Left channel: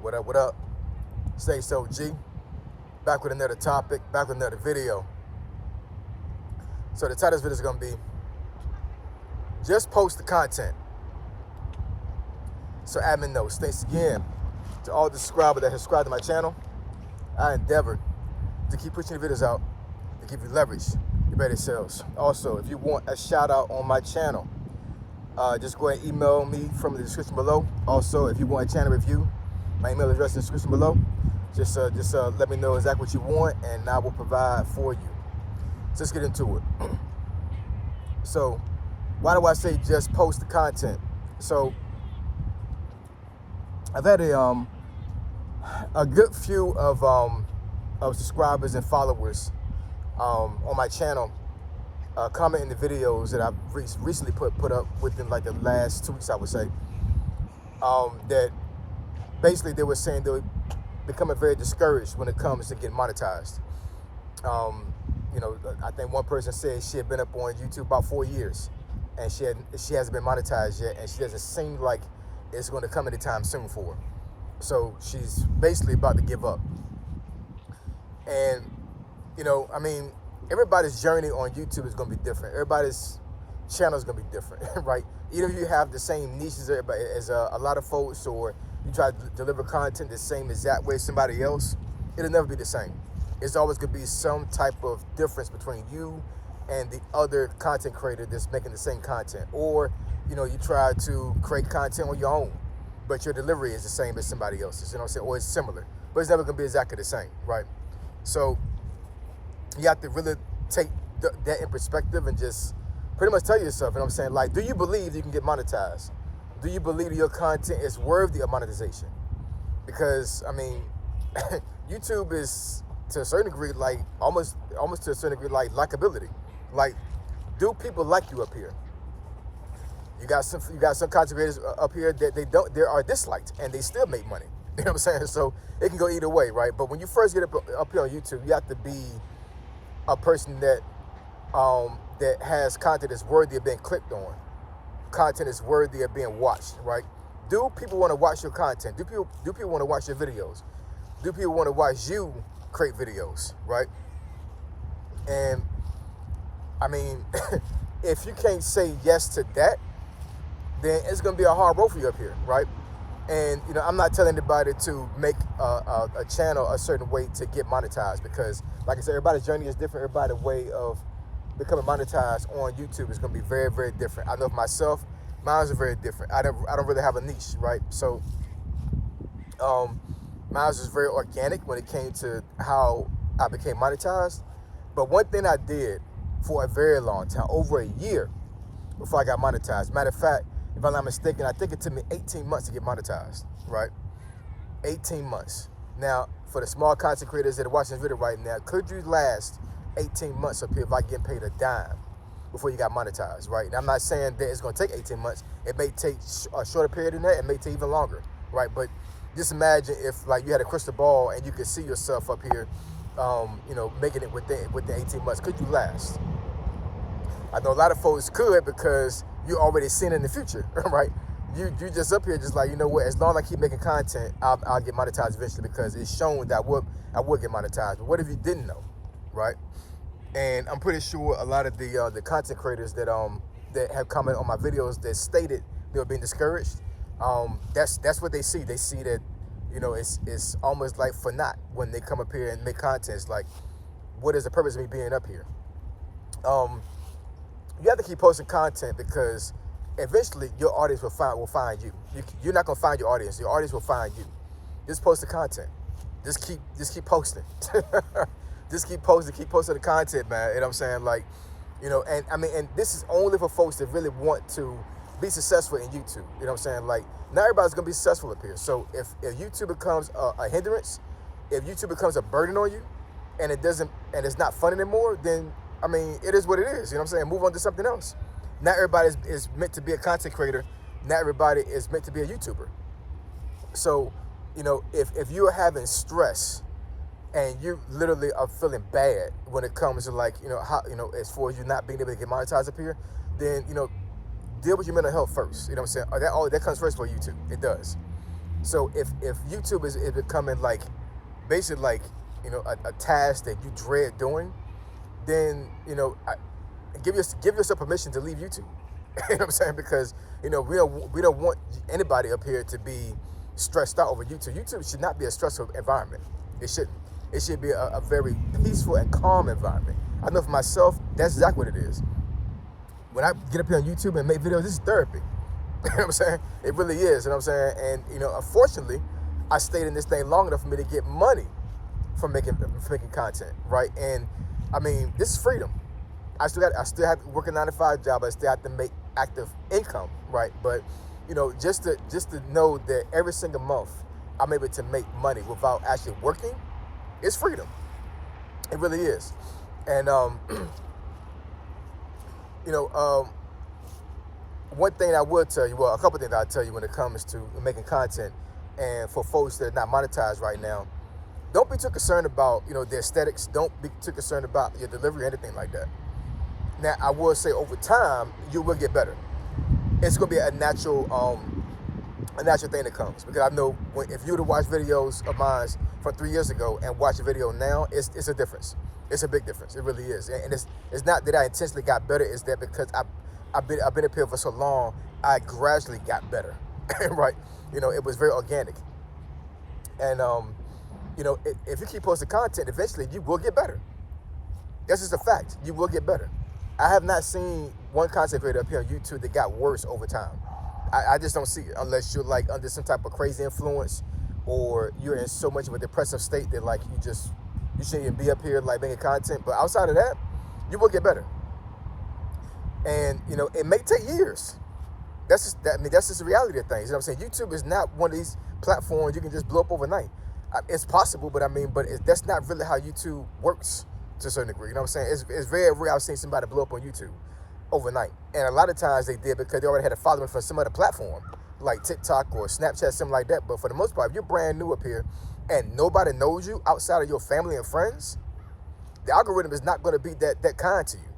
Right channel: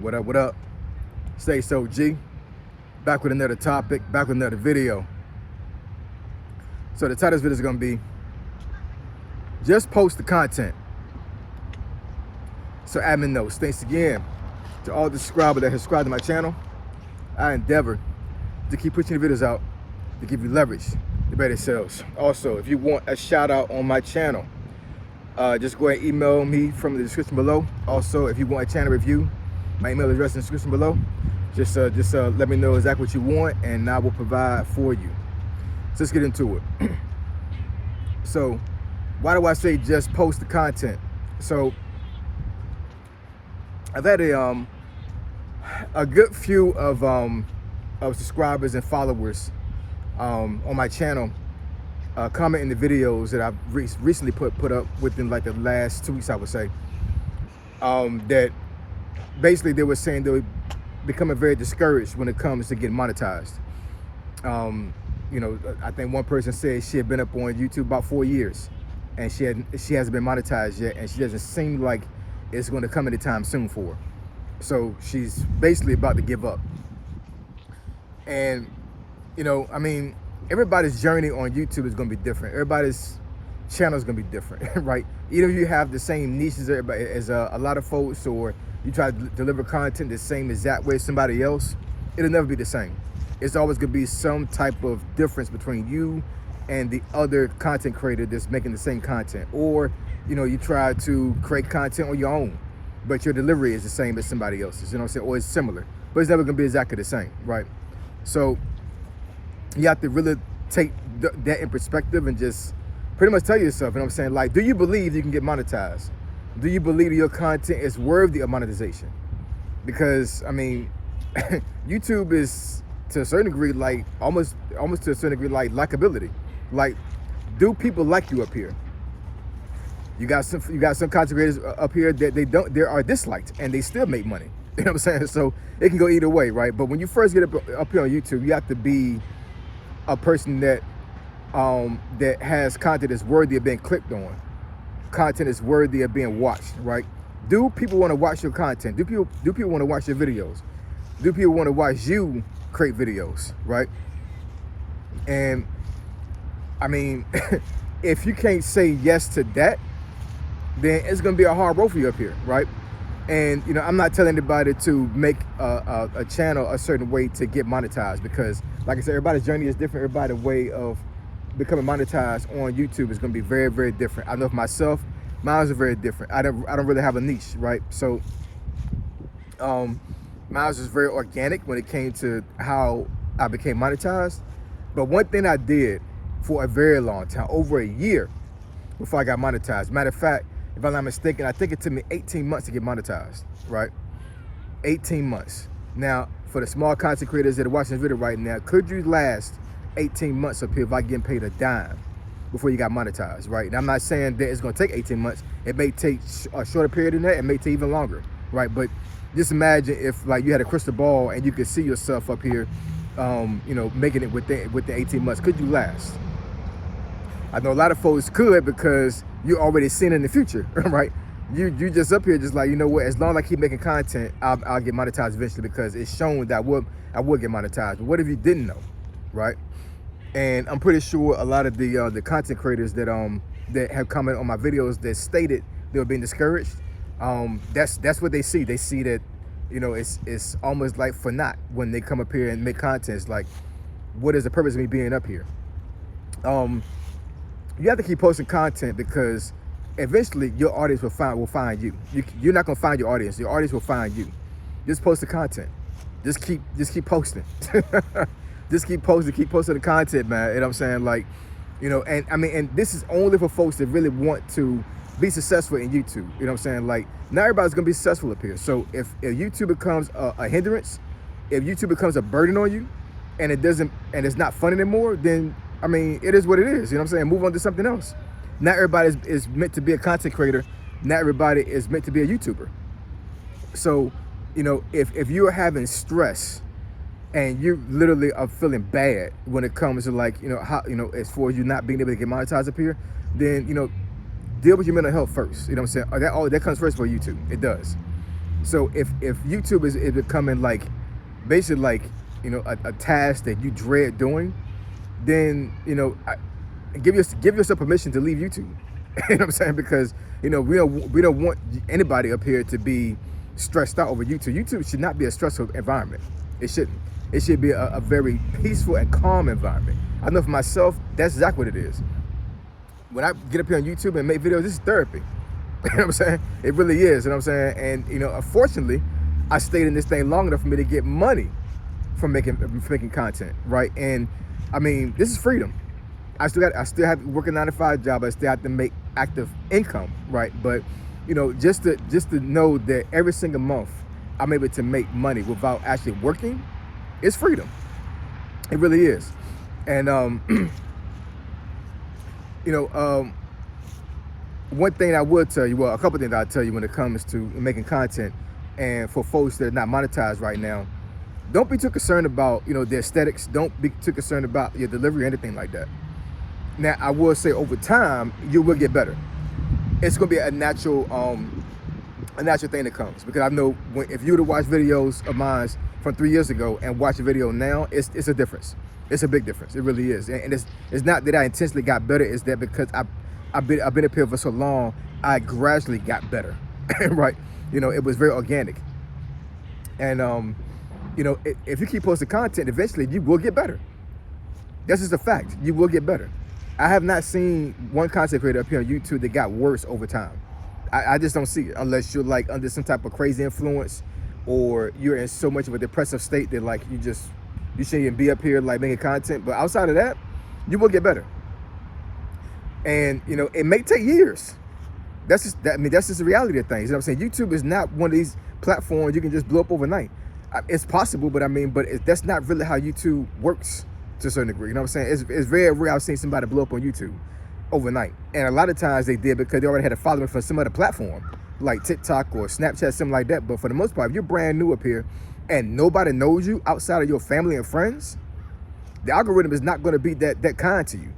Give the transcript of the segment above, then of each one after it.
What up, what up? Say so, G. Back with another topic, back with another video. So the title of this video is gonna be, just post the content. So admin notes, thanks again to all the subscribers that have subscribed to my channel. I endeavor to keep pushing the videos out to give you leverage to better sales. Also, if you want a shout out on my channel, just go ahead and email me from the description below. Also, if you want a channel review, my email address in the description below. Just let me know exactly what you want and I will provide for you. So let's get into it. So why do I say just post the content? So I've had a good few of subscribers and followers on my channel comment in the videos that I've recently put up within like the last 2 weeks, I would say, that basically they were saying they were becoming very discouraged when it comes to getting monetized. You know, I think one person said she had been up on YouTube about 4 years and she hasn't been monetized yet, and she doesn't seem like it's going to come anytime soon for her. So she's basically about to give up. And you know, I mean, everybody's journey on YouTube is going to be different. Everybody's channel is going to be different, right? Either you have the same niches as a lot of folks, or you try to deliver content the same exact way as somebody else, it'll never be the same. It's always going to be some type of difference between you and the other content creator that's making the same content. Or, you know, you try to create content on your own, but your delivery is the same as somebody else's, you know what I'm saying? Or it's similar, but it's never going to be exactly the same, right? So you have to really take that in perspective and just pretty much tell yourself, you know what I'm saying? Like, do you believe you can get monetized? Do you believe that your content is worthy of monetization? Because, I mean, YouTube is, to a certain degree, like, almost to a certain degree, like, likability. Like, do people like you up here? You got some content creators up here that they are disliked and they still make money. You know what I'm saying? So it can go either way, right? But when you first get up here on YouTube, you have to be a person that that has content that's worthy of being clicked on. Content that's worthy of being watched, right? Do people want to watch your content? Do people want to watch your videos? Do people want to watch you create videos, right? And I mean, if you can't say yes to that, then it's gonna be a hard road for you up here, right? And you know, I'm not telling anybody to make a channel a certain way to get monetized, because like I said, everybody's journey is different. Everybody's way of becoming monetized on YouTube is going to be very, very different. I know for myself, mine is very different. I don't really have a niche, right? So mine was very organic when it came to how I became monetized. But one thing I did for a very long time, over a year before I got monetized. Matter of fact, if I'm not mistaken, I think it took me 18 months to get monetized, right? 18 months. Now, for the small content creators that are watching this video right now, could you last 18 months up here if I getting paid a dime before you got monetized, right? And I'm not saying that it's gonna take 18 months. It may take a shorter period than that. It may take even longer, right? But just imagine if like you had a crystal ball and you could see yourself up here, you know, making it within 18 months. Could you last? I know a lot of folks could, because you already seen it in the future, right? You just up here just like, you know what, as long as I keep making content, I'll get monetized eventually, because it's shown that I would get monetized. But what if you didn't know, right? And I'm pretty sure a lot of the content creators that have commented on my videos that stated they were being discouraged, that's what they see. They see that, you know, it's almost like for naught when they come up here and make content. It's like, what is the purpose of me being up here? You have to keep posting content, because eventually your audience will find you. You're not gonna find your audience. Your audience will find you. Just post the content. Just keep posting. Just keep posting the content, man. You know what I'm saying? Like, you know, and I mean, and this is only for folks that really want to be successful in YouTube. You know what I'm saying? Like, not everybody's gonna be successful up here. So if YouTube becomes a hindrance, if YouTube becomes a burden on you, and it's not fun anymore, then I mean, it is what it is. You know what I'm saying? Move on to something else. Not everybody is meant to be a content creator. Not everybody is meant to be a YouTuber. So, you know, if you are having stress and you literally are feeling bad when it comes to, like, you know, how, you know, as far as you not being able to get monetized up here, then, you know, deal with your mental health first. You know what I'm saying? That comes first for YouTube. It does. So if YouTube is becoming like basically like, you know, a task that you dread doing, then, you know, give yourself permission to leave YouTube. You know what I'm saying? Because, you know, we don't want anybody up here to be stressed out over YouTube. YouTube should not be a stressful environment. It shouldn't. It should be a very peaceful and calm environment. I know for myself, that's exactly what it is. When I get up here on YouTube and make videos, this is therapy. You know what I'm saying? It really is. You know what I'm saying? And, you know, unfortunately, I stayed in this thing long enough for me to get money from making content, right? And I mean, this is freedom. I still have to work a 9-to-5 job. I still have to make active income, right? But, you know, just to know that every single month I'm able to make money without actually working, it's freedom. It really is. And you know, one thing I would tell you, well, a couple things I'll tell you when it comes to making content, and for folks that are not monetized right now, don't be too concerned about, you know, the aesthetics. Don't be too concerned about your delivery or anything like that. Now, I will say over time, you will get better. It's gonna be a natural thing that comes, because I know if you were to watch videos of mine from 3 years ago and watch a video now, it's a difference. It's a big difference. It really is. And it's not that I intentionally got better. It's that because I've been up here for so long, I gradually got better. Right? You know, it was very organic. And you know, if you keep posting content, eventually you will get better. That's just a fact. You will get better. I have not seen one content creator up here on YouTube that got worse over time. I just don't see it, unless you're like under some type of crazy influence, or you're in so much of a depressive state that like you shouldn't even be up here like making content. But outside of that, you will get better. And you know, it may take years. That's just the reality of things. You know what I'm saying? YouTube is not one of these platforms you can just blow up overnight. It's possible, but that's not really how YouTube works to a certain degree. You know what I'm saying? It's very rare I've seen somebody blow up on YouTube overnight. And a lot of times they did because they already had a following from some other platform, like TikTok or Snapchat, something like that. But for the most part, if you're brand new up here and nobody knows you outside of your family and friends, the algorithm is not going to be that kind to you.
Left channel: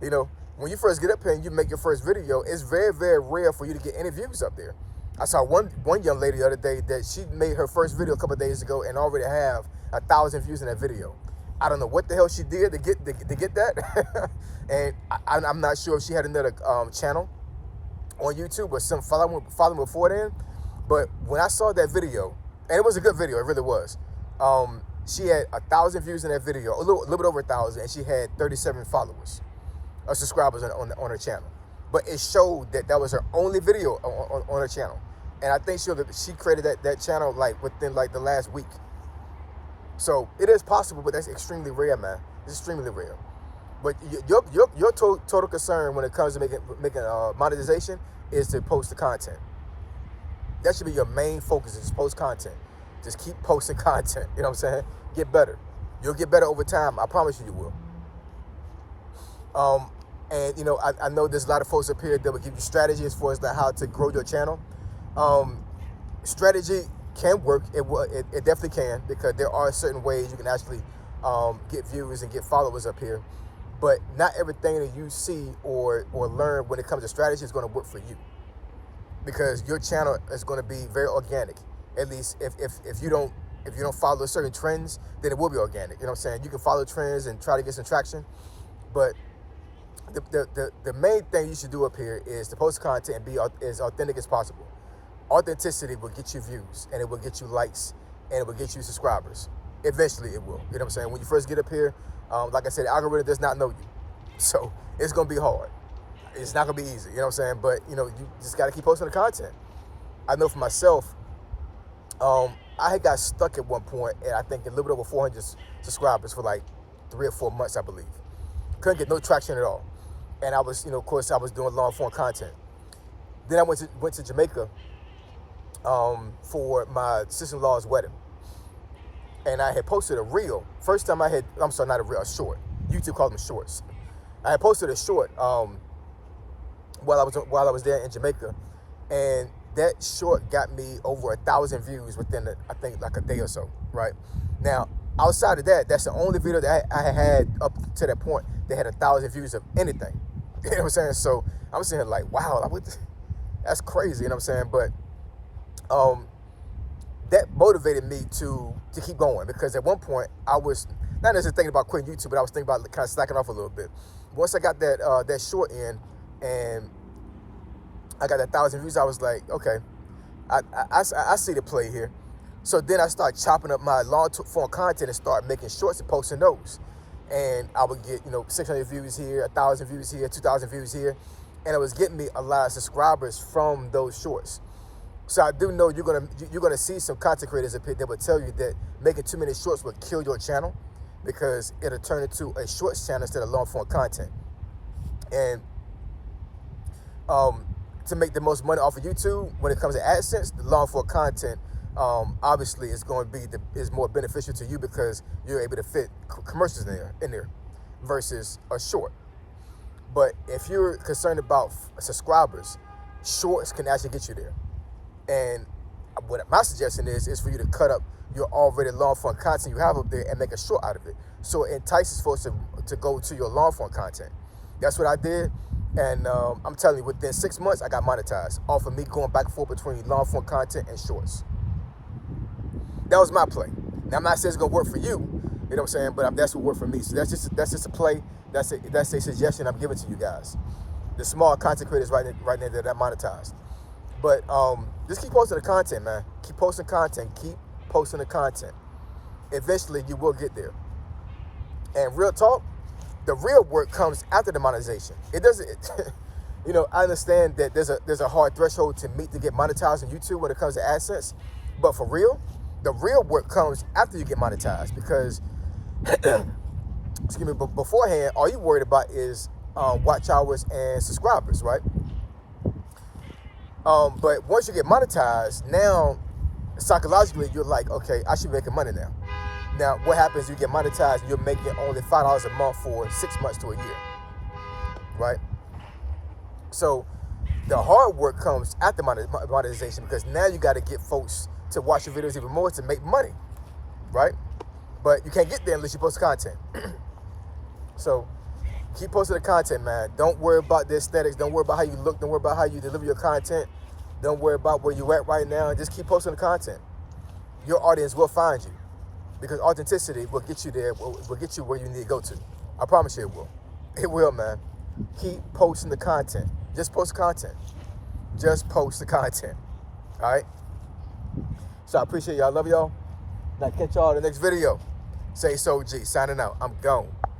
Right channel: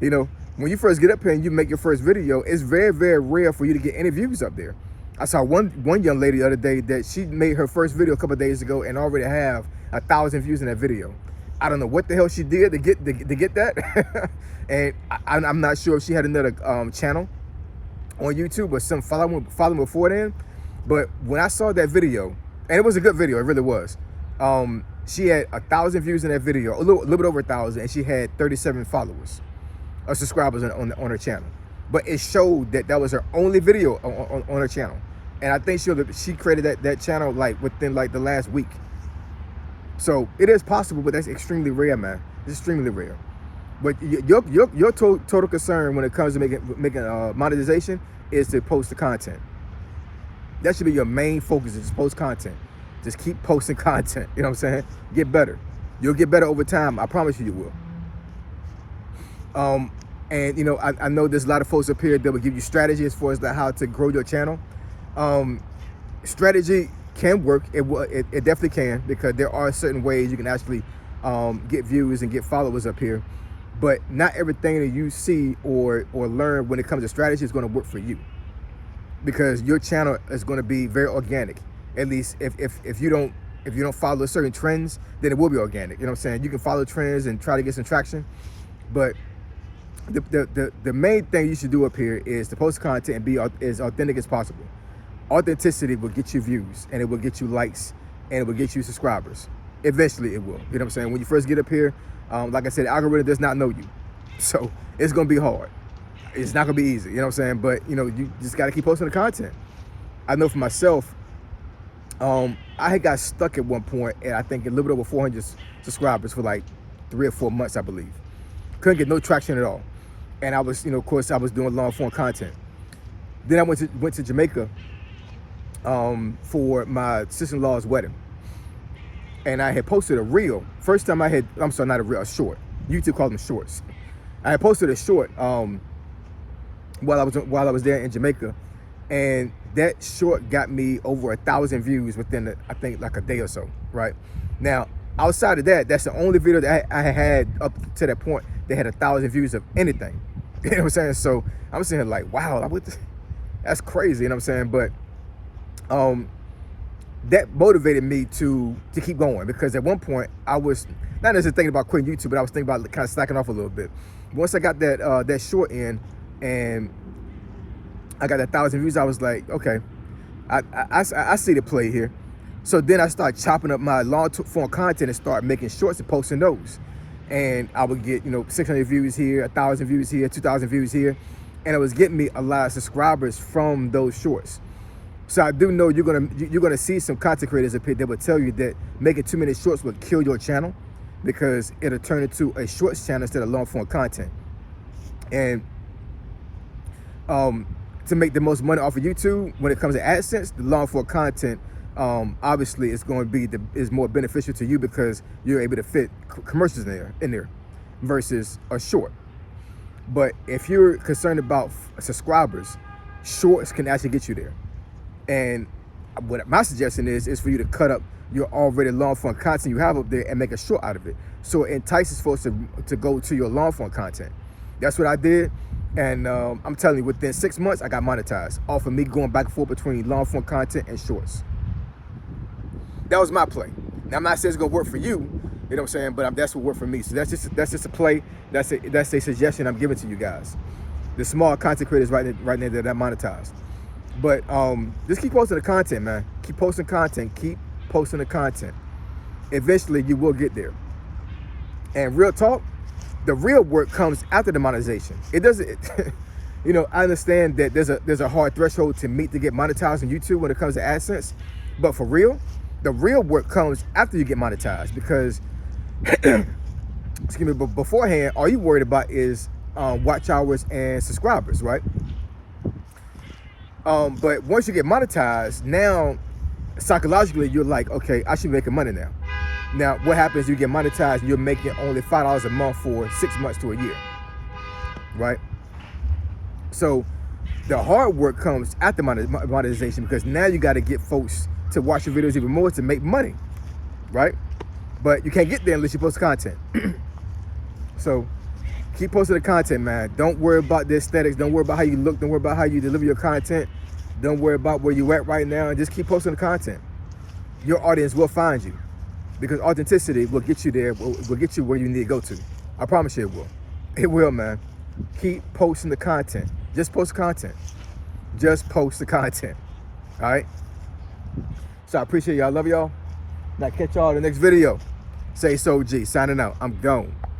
You know, when you first get up here and you make your first video, it's very, very rare for you to get any views up there. I saw one young lady the other day that she made her first video a couple of days ago and already have 1,000 views in that video. I don't know what the hell she did to get that. And I'm not sure if she had another channel on YouTube or some following before then. But when I saw that video, and it was a good video, it really was. She had 1,000 views in that video, a little bit over 1,000, and she had 37 followers or subscribers on her channel. But it showed that was her only video on her channel. And I think she created that channel like within like the last week. So it is possible, but that's extremely rare, man. It's extremely rare. But your total concern when it comes to making monetization is to post the content. That should be your main focus, is just post content. Just keep posting content. You know what I'm saying? Get better. You'll get better over time. I promise you will. And you know, I know there's a lot of folks up here that will give you strategy as far as how to grow your channel. Strategy can work. It definitely can, because there are certain ways you can actually get views and get followers up here. But not everything that you see or learn when it comes to strategy is going to work for you, because your channel is going to be very organic. At least if you don't follow certain trends, then it will be organic. You know what I'm saying? You can follow trends and try to get some traction, but the main thing you should do up here is to post content and be as authentic as possible. Authenticity will get you views, and it will get you likes, and it will get you subscribers. Eventually it will. You know what I'm saying? When you first get up here, like I said, the algorithm does not know you. So it's going to be hard. It's not going to be easy. You know what I'm saying? But, you know, you just got to keep posting the content. I know for myself, I had got stuck at one point, and I think a little bit over 400 subscribers for like 3 or 4 months, I believe. Couldn't get no traction at all. And I was, you know, of course, I was doing long form content. Then I went to Jamaica for my sister-in-law's wedding. And I had posted a reel. First time I'm sorry, not a reel, a short. YouTube called them shorts. I had posted a short while I was there in Jamaica. And that short got me over 1,000 views within, I think, like a day or so, right? Now, outside of that, that's the only video that I had up to that point that had 1,000 views of anything. You know what I'm saying? So I'm sitting here like, wow, that's crazy, you know what I'm saying? But um, that motivated me to keep going, because at one point I was not necessarily thinking about quitting YouTube, but I was thinking about kind of slacking off a little bit. Once I got that short in and I got 1,000 views, I was like, okay, I see the play here. So then I started chopping up my long form content and start making shorts and posting those. And I would get, 600 views here, 1,000 views here, 2,000 views here. And it was getting me a lot of subscribers from those shorts. So I do know you're gonna see some content creators up here that will tell you that making too many shorts will kill your channel, because it'll turn into a shorts channel instead of long form content. And to make the most money off of YouTube when it comes to AdSense, the long form content obviously is going to be is more beneficial to you, because you're able to fit commercials in there versus a short. But if you're concerned about subscribers, shorts can actually get you there. And what my suggestion is for you to cut up your already long form content you have up there and make a short out of it, so it entices folks to go to your long form content. That's what I did. And I'm telling you, within 6 months, I got monetized off of me going back and forth between long form content and shorts. That was my play. Now, I'm not saying it's gonna work for you, you know what I'm saying, but that's what worked for me. So that's just a play. That's a suggestion I'm giving to you guys, the small content creators right now that I monetized. But just keep posting the content, man. Keep posting content. Keep posting the content. Eventually, you will get there. And real talk, the real work comes after the monetization. It doesn't, I understand that there's a hard threshold to meet to get monetized on YouTube when it comes to AdSense. But for real, the real work comes after you get monetized, because, excuse me, but beforehand, all you worried about is watch hours and subscribers, right? But once you get monetized, now psychologically you're like, okay, I should be making money now. Now, what happens? You get monetized, and you're making only $5 a month for 6 months to a year, right? So the hard work comes after monetization, because now you got to get folks to watch your videos even more to make money, right? But you can't get there unless you post content. So keep posting the content, man. Don't worry about the aesthetics. Don't worry about how you look. Don't worry about how you deliver your content. Don't worry about where you're at right now. And just keep posting the content. Your audience will find you, because authenticity will get you there, will get you where you need to go to. I promise you it will. It will, man. Keep posting the content. Just post content. Just post the content. All right? So I appreciate y'all. I love y'all. Now catch y'all in the next video. Say so G. Signing out. I'm gone.